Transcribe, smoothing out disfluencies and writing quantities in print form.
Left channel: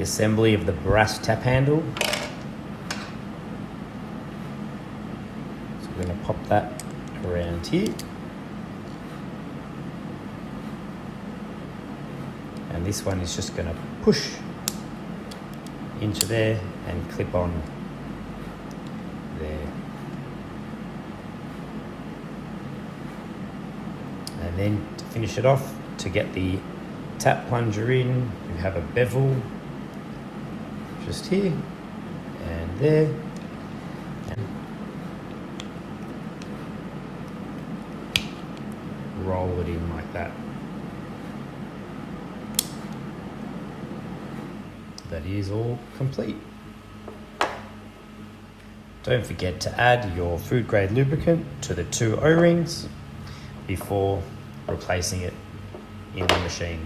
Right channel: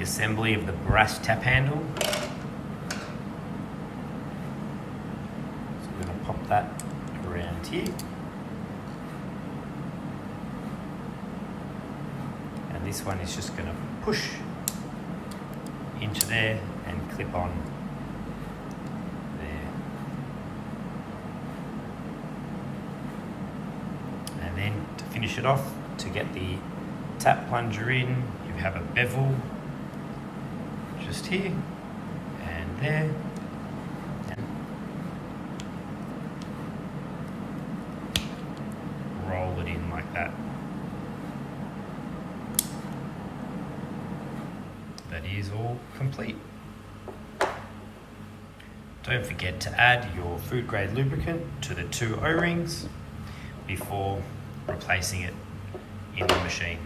the assembly of the BRAS tap handle. So we're going to pop that around here. And this one is just going to push into there and clip on there. And then to finish it off, to get the tap plunger in, you have a bevel just here and there. Roll it in like that. That is all complete. Don't forget to add your food grade lubricant to the 2 O-rings before replacing it in the machine.